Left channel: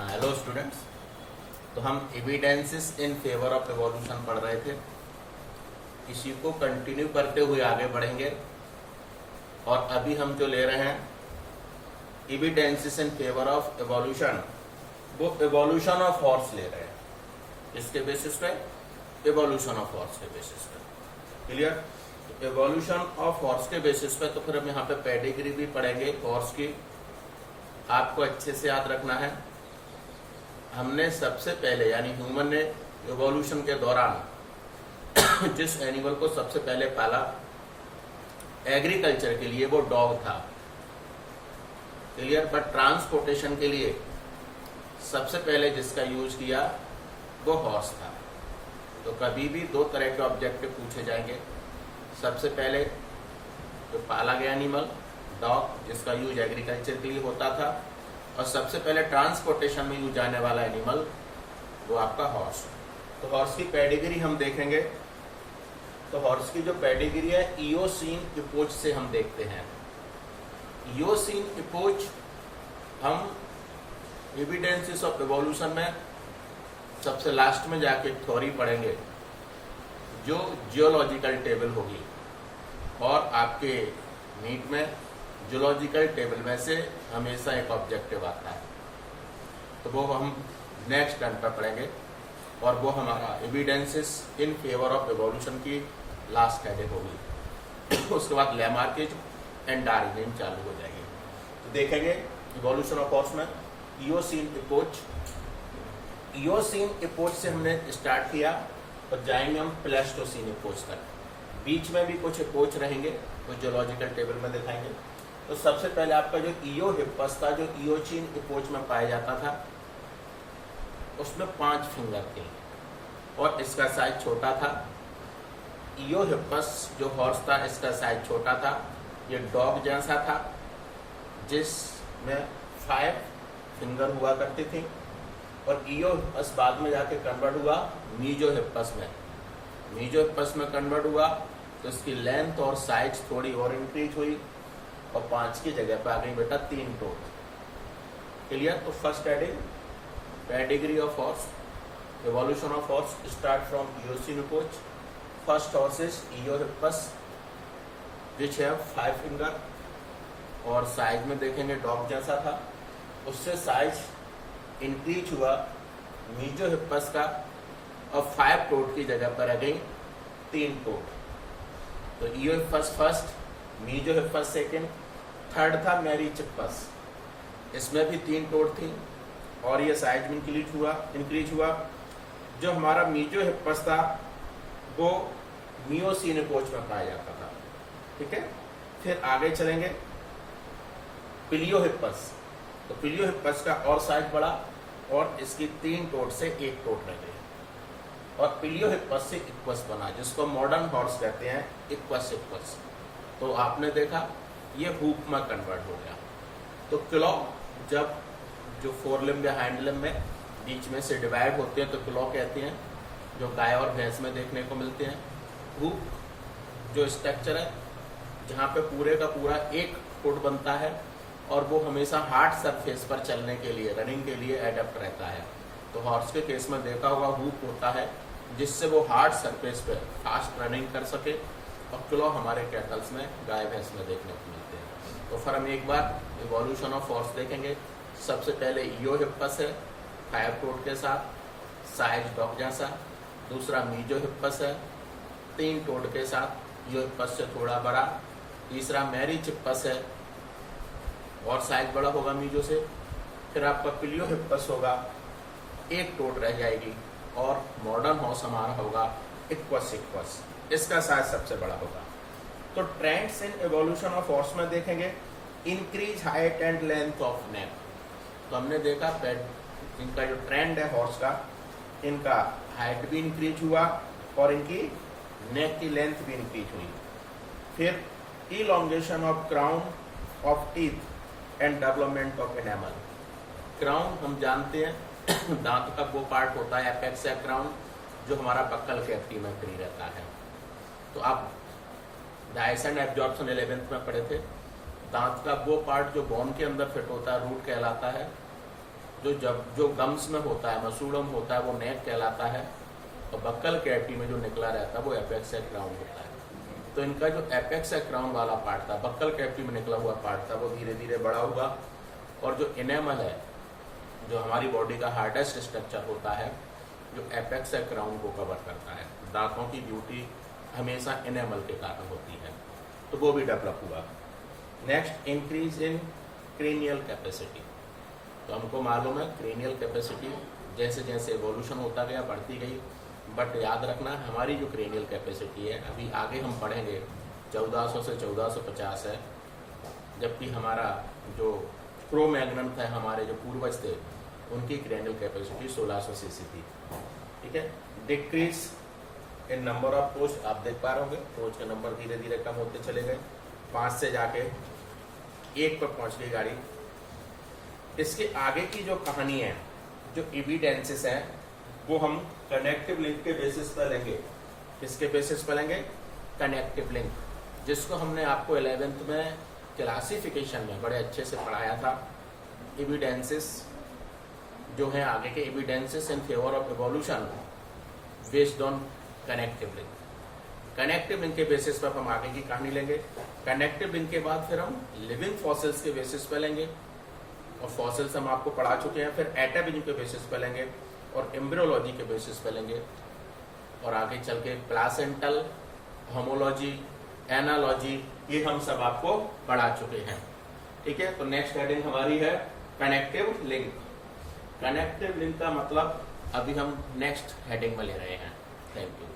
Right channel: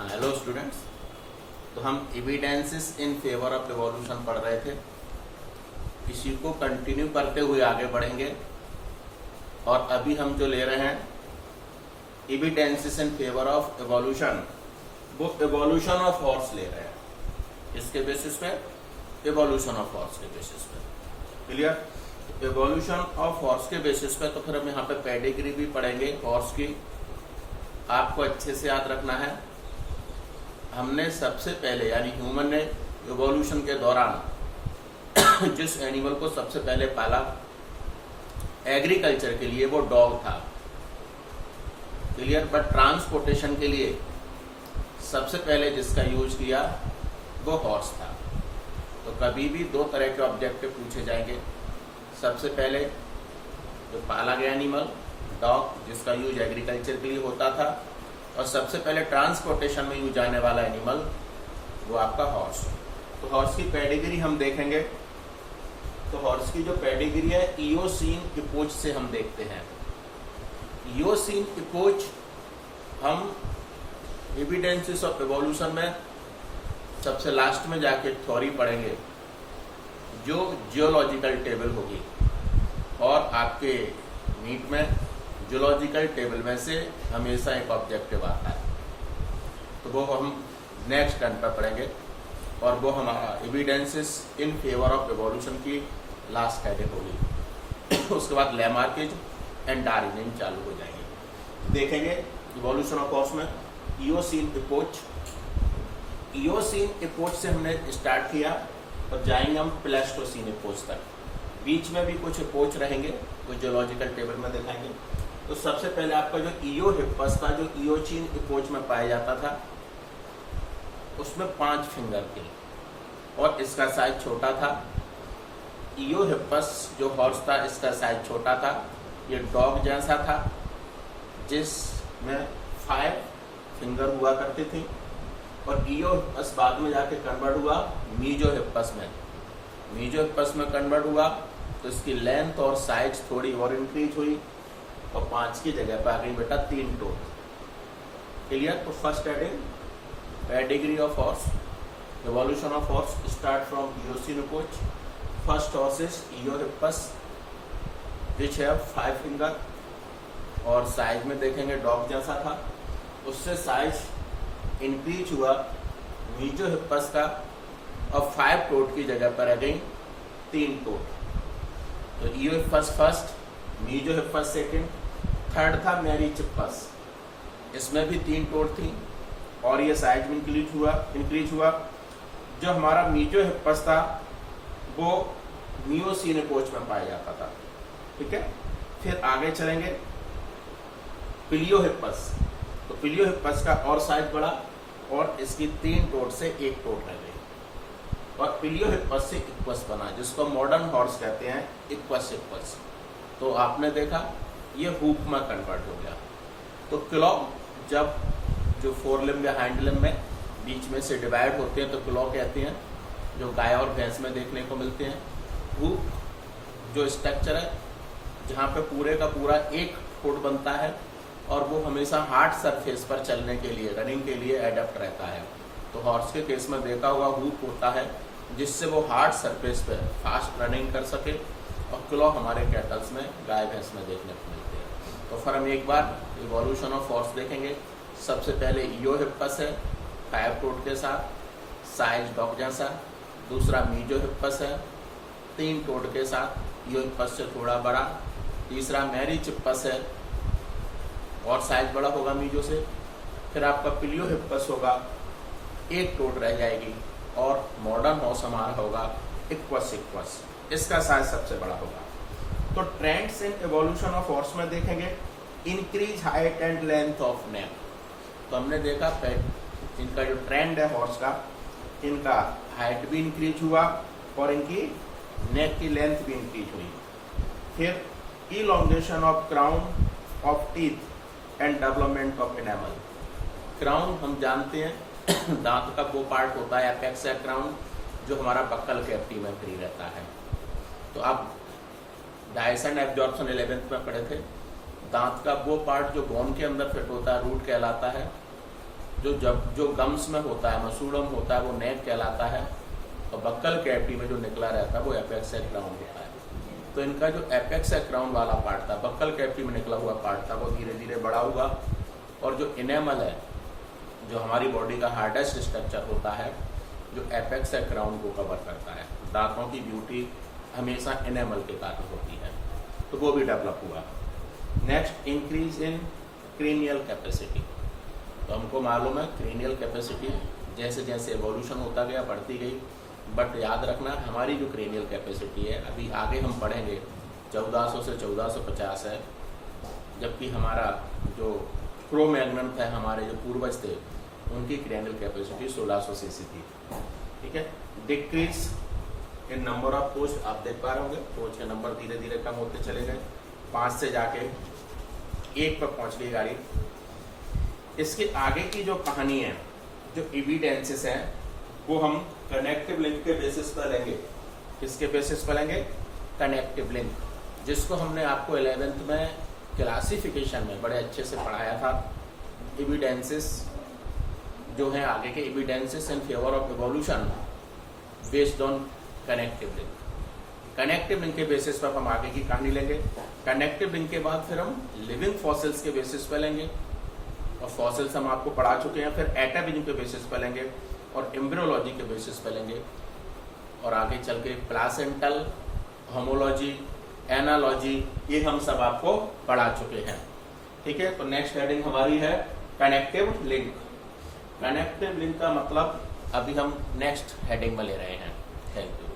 Hello students. तो हम evidences in favour of evolution पढ़ रहे थे। इसी को कंटिन्यू करते हुए आगे बढ़ेंगे और अभी हम जो ले रहे हैं evidences in favour of evolution, वो एवोल्यूशन ऑफ हॉर्स ले रहे हैं। इसके बेसिस पे एवोल्यूशन ऑफ हॉर्स के बेसिस पे। क्लियर? एवोल्यूशन ऑफ हॉर्स के बेसिस पे तो फिर हम यहाँ पे पेडिग्री भी पढ़ेंगे हॉर्स की। आपको अच्छे से याद रखना है, हमने सबसे पहले यानी ह्यूमन ने एवोल्यूशन के दौरान जिस एनिमल को सबसे पहले पाला एग्रीकल्चर के लिए वो डॉग था। क्लियर? बट ट्रांसपोर्टेशन के लिए सबसे पहले जिसका यूज किया वो हॉर्स था। तो कभी भी दो तरह के ऑब्जेक्टिव पूछे जाएंगे। सबसे पहले जो पाला गया एनिमल डॉग, जिसका यूज एग्रीकल्चर के लिए होता था, और सबसे पहले ट्रांसपोर्टेशन में यूज आने वाला एनिमल वो आपका हॉर्स। तो हॉर्स की पेडिग्री हम देखेंगे। तो हॉर्स की जो पेडिग्री है इयोसीन इपोच से हम देखते हैं। इयोसीन इपोच हम एविडेंसेस ऑफ एवोल्यूशन में सबसे लास्ट में जाके थ्योरी पढ़ेंगे, जो जियोलॉजिकल टेबल होगी। और आपके नीट में जियोलॉजिकल टेबल में से हमेशा एक ऑब्जेक्टिव आता है, तो वो हम नेक्स्ट टर्न पर पढ़ेंगे। और वो हमारा evidences in favour of evolution की लास्ट हेडिंग होगी। उसके बाद लैमार्किज एंड डार्विन चालू हो जाएंगे। देखेंगे इवोल्यूशन ऑफ हॉर्स में इयोसीन इपोच। इयोसीन इपोच से हमने स्टार्ट किया और जाएंगे हम प्लेस्टोसीन इपोच तक। बीच में भी कुछ इपोच रहेंगे, कुछ जियोलॉजिकल टेबल में दिखाएंगे। तो सबसे पहले आपका जो इयो हिप्पस था, जो इयोचीन इपोच में पाया जाता था, उसमें 5 फिंगर थे और इसका साइज छोटा था। इयो हिप्पस जो हॉर्स था, इसका साइज छोटा था। ये डॉग जैसा था जिसमें 5 फिंगर हुआ करती थी। और इयो हिप्पस बाद में जाके कन्वर्ट हुआ मीजो हिप्पस में। मीजो हिप्पस में कन्वर्ट हुआ तो इसकी लेंथ और साइज थोड़ी और इंक्रीज हुई और 5 की जगह पर आ गई बेटा 3 टोन। क्लियर? तो first heading pedigree of horse, evolution of horse start from Eocene epoch. First horse is इयो हिप्पस विच हैव 5 फिंगर और साइज में देखेंगे डॉग जैसा था। उससे साइज इंक्रीज हुआ मीजो हिप्पस का और 5 टोट की जगह पर अगेन 3 टोट। तो इयो हिप्पस फर्स्ट, मीजो हिप्पस सेकेंड, थर्ड था मेरिचिप्पस, इसमें भी 3 टोट थी और ये साइज में इंक्रीज हुआ। जो हमारा मीजो हिप्पस था वो मियोसीन इपोच में पाया जाता था। ठीक है? फिर आगे चलेंगे पिलियो हिप्पस। तो पिलियो हिप्पस का और साइज बढ़ा और इसकी 3 टोट से 1 टोट रह गई और पिलियो हिप्पस से इक्वस बना, जिसको मॉडर्न हॉर्स कहते हैं, इक्वस हिप्पस। तो आपने देखा ये हुप में कन्वर्ट हो गया। तो क्लॉ जब जो फोर लिम्ब या हाइंड लिम्ब में बीच में से डिवाइड होते हैं तो क्लॉ कहते हैं, जो गाय और भैंस में देखने को मिलते हैं। हुप जो स्ट्रक्चर है जहाँ पे पूरे का पूरा एक फुट बनता है और वो हमेशा हार्ड सरफेस पर चलने के लिए, रनिंग के लिए एडेप्ट रहता है। तो हॉर्स के केस में देखा हुआ हुप होता है जिससे वो हार्ड सरफेस पे फास्ट रनिंग कर सके। और क्लॉ हमारे कैटल्स में, गाय भैंस में देखने को मिलते हैं। तो फिर हम एक बार इवोल्यूशन ऑफ हॉर्स देखेंगे। सबसे पहले इयो हिप्पस है 5 टोट के साथ, साइज डॉग जैसा। दूसरा मीजो हिप्पस है 3 टोट के साथ, इयो हिप्पस से थोड़ा बड़ा। तीसरा मेरिचिप्पस है और साइज बड़ा होगा मीजो से। फिर आपका पिलियो हिप्पस होगा, 1 टोट रह जाएगी और मॉडर्न हॉर्स हमारा होगा इक्वस इक्वस, इसका साइज सबसे बड़ा होगा। तो trends in evolution of horse में देखेंगे increase height and length of neck. तो हमने देखा इनका जो ट्रेंड है हॉर्स का, इनका हाइट भी इंक्रीज हुआ और इनकी नेक की लेंथ भी इंक्रीज हुई। फिर elongation of crown of teeth and development of enamel. Crown हम जानते हैं दांत का वो पार्ट होता है एपेक्स या क्राउन, जो हमारा बक्कल कैविटी में फ्री रहता है। तो आप डाइजेशन एब्जॉर्प्शन 11th में पढ़े थे। दांत का वो पार्ट जो बोन के अंदर फिट होता है रूट कहलाता है, जो गम्स में होता है, मसूड़म होता है, वो नेक कहलाता है, और बक्कल कैविटी में जो निकला रहता है वो एपेक्स या क्राउन होता है। तो इनका जो एपेक्स या क्राउन वाला पार्ट था, बक्कल कैविटी में निकला हुआ पार्ट था, वो धीरे धीरे बड़ा हुआ, और जो इनेमल है, जो हमारी बॉडी का हार्डेस्ट स्ट्रक्चर होता है, जो एपेक्स या क्राउन को कवर करता है। दांतों की ब्यूटी हमेशा इनेमल के कारण होती है, तो वो भी डेवलप हुआ। Next, increase in cranial capacity. तो हमको मालूम है क्रेनियल कैपेसिटी जैसे जैसे एवोल्यूशन होता गया बढ़ती गई, बट याद रखना हमारी जो क्रेनियल कैपेसिटी है, अभी आगे हम पढ़ेंगे 1400 से 1450 है, जबकि हमारा जो क्रो-मैग्नन था, हमारे जो पूर्वज थे, उनकी क्रेनियल कैपेसिटी 1600 सीसी थी। ठीक है। डिक्रीज इन नंबर ऑफ पोच, आप देख पा रहे होंगे पोच के नंबर धीरे धीरे कम होते चले गए, 5 से जाके 1 पर पहुंच गई गाड़ी। इसके आगे की जो कहानी है, जो एविडेंसेस है, वो हम कनेक्टिव लिंक के बेसिस पर लेंगे। किसके बेसिस पर लेंगे? कनेक्टिव लिंक, जिसको हमने आपको 11th में क्लासिफिकेशन में बड़े अच्छे से पढ़ाया था। एविडेंसेस जो है आगे के evidences in favour of evolution based on connective link. Connective link के बेसिस पर हम आगे की कहानी लेंगे। कनेक्टिव लिंक के बाद फिर हम लिविंग फॉसिल्स के बेसिस पर लेंगे, और फॉसिल्स हम आपको पढ़ा चुके हैं। फिर एटाबिज्म के बेसिस पर लेंगे, और एम्ब्रियोलॉजी के बेसिस पर लेंगे, और आगे चल के प्लासेंटल, होमोलॉजी, एनालॉजी, ये हम सब आपको पढ़ा चुके हैं। ठीक है। तो नेक्स्ट हेडिंग हमारी है कनेक्टिव लिंक। कनेक्टिव लिंक का मतलब अभी हम नेक्स्ट हेडिंग में ले रहे हैं। Thank you.